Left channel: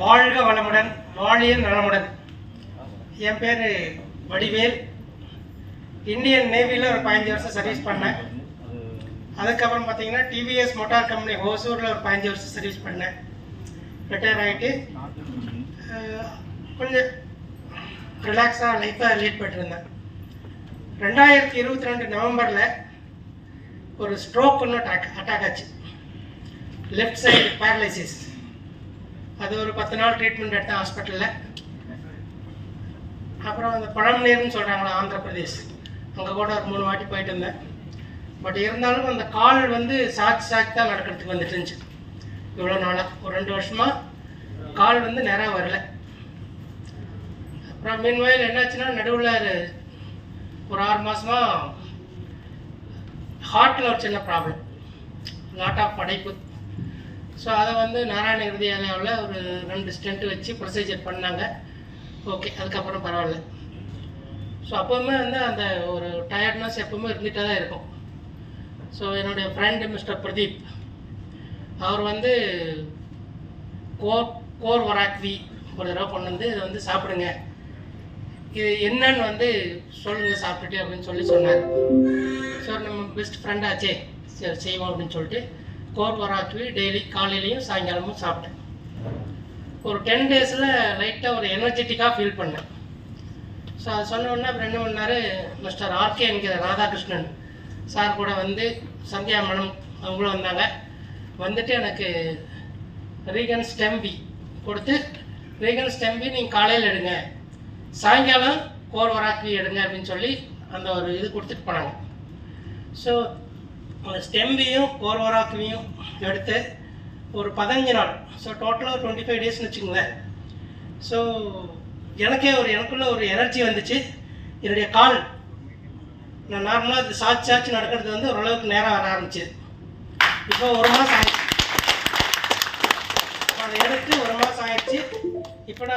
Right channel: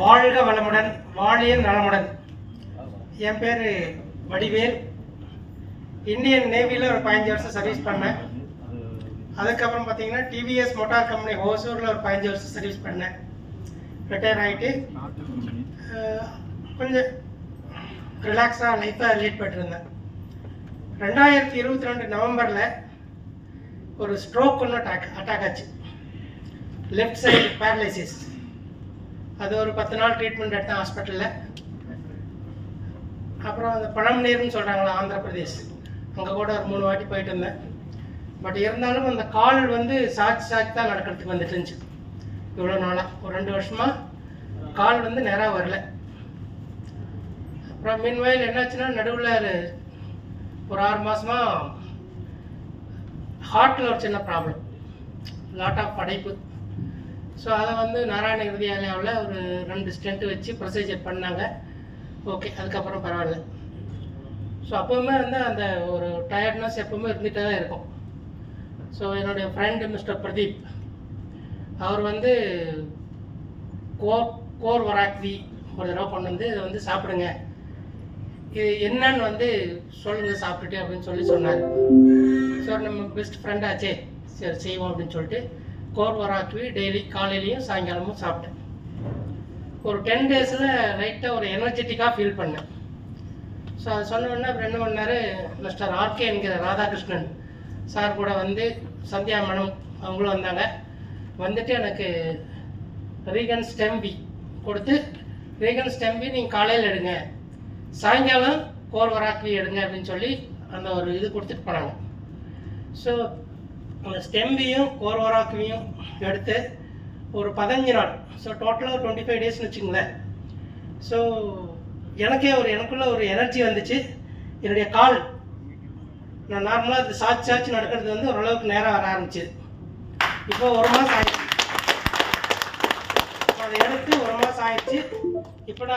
வாழ்க வளமுடன், வாழிய நலமுடன். என் பேர் வடிவேல். இந்தியன் நேவியில் ஒரு 15 வருஷம் சர்வீஸ் பண்ணேன். அதுக்கப்புறம் பார்த்தீங்கன்னா டிவிஎஸ் மோட்டார் கம்பெனி ஹோசூரில் ஒரு 15 வருஷம் சர்வீஸ் பண்ணேன். ரிட்டையர் ஆகிட்டு கொஞ்சம் ரிலாக்ஸாக லைஃப்பை லீட் பண்ணிட்டுருந்தேன். 2022 நவம்பரில் ஒரு ஸ்ட்ரோக் ஒன்று அட்டாக் ஆச்சு. Left side paralysis. அது ஒரு 10 நாள் ட்ரீட்மெண்ட் எடுத்தேன் ஹாஸ்பிட்டலில். அப்புறம் அந்த பழம்நீர்னு சொல்கிறாங்களா, ஆந்திர பிரதேஷ், அங்கே கூட ஒரு 3 வாட்டி போயிட்டு இருந்தேன். பட் இருந்தாலும் அந்த கால் சாட்சி தான் நடக்கிறதுக்கு வந்துட்டு இருந்துச்சு. இவ்வளோ நாளாக ஒரு 2 வருஷமாக கால் நேராக வரல. அப்புறம் மீன்வயல் என்னாச்சுன்னா, நடுவில் ஒரு 6 மாதமாக ஹார்ட்டில் ஒரு சின்ன ப்ராப்ளம், லாட் ஆஃப் படைப்பு. ஸோ அதை நாராயண ஹிருதயாலயாவில் ஒரு 2 ஸ்டென்ட் வச்சு ப்ரொசீஜர் பண்ணாங்க. ஓகே, அதுக்கப்புறம் பரவாயில்ல. ஸோ அப்போவுமே அந்த ஒரு டயர்ட்னஸ் எப்போவுமே இருந்துகிட்டே தான் இருக்கும். ஸோ என்னுடைய ஃப்ரெண்டு மிஸ்டர் பிரதீப், அவர் கோர் வராக்வி ஒரு தடவை கொண்டு இதை சாப்பிடுங்க, இது என்னன்னு சொல்லுங்கள் சாப்பிட்டுட்டு அப்படின்னு சொன்னார். ஸோ நம்ம பெஸ்ட் ஃப்ரெண்டாச்சே, சரி செய்வோம் அப்படின்னு சொல்லிட்டு கோர் வராக்வி டெய்லி காலையிலையும் சாயங்காலமும் சாப்பிட்டேன். ஒரு 10 டேஸில் லைட்டாக ஒரு எனர்ஜெட்டிக்காக ஃபீல் பண்ணேன். ஸோ அது சொன்ன உடனே அப்புறம் என்ன பண்ணார், மிஸ்டர் ஆர்கே என்கிற ராதாகிருஷ்ணன் சார் கூட சந்தியா மேடம் அவங்களும் வந்தாங்க. எனக்கு ரீகன் ஸ்டெம்பி கொடுத்து, ரீகன் ஸ்டெம்பி நீங்கள் காலையில் எடுங்க, சாயங்காலம் கோர் வராக்வி எடுங்க அப்படின்னு சொல்லி அந்த ஒரு இது கொடுத்துட்டு போனாங்க. ஸோ அந்த ஸ்டெம்பியும் கோர் வராக்வியும் எடுத்து ஒரு 15 நாள், ஸோ டோட்டலாக 25 டேஸ்னு வச்சுங்களேன். ஸோ எனக்குள்ள ஒரு எனர்ஜி வந்துச்சு. என்னுடைய கால் நான் நார்மலாக சாட்சி நடக்கிறது ஓரளவுக்கு நேரம் வர ஆரம்பிச்சு. இப்போ 1 மாதம் ஆயிடுச்சு.